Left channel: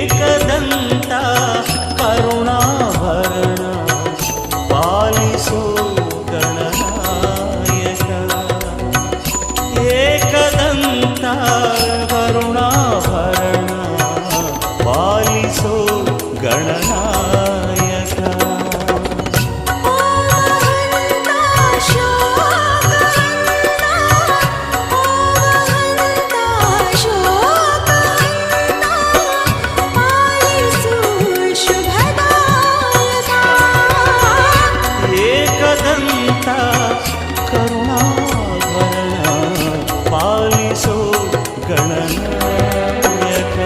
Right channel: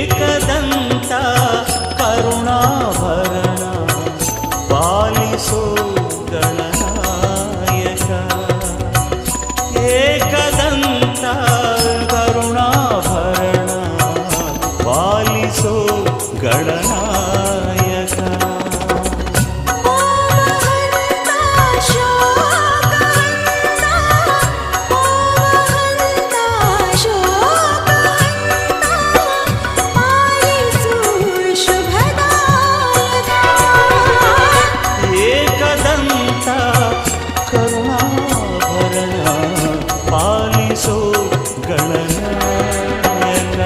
एकदन्ता करुणाभरणा पालिसो Gananayak एकदन्ता करुणाभरणा पालिसो Gananayak కరుణాభరణ పాలిసో గణనాయక.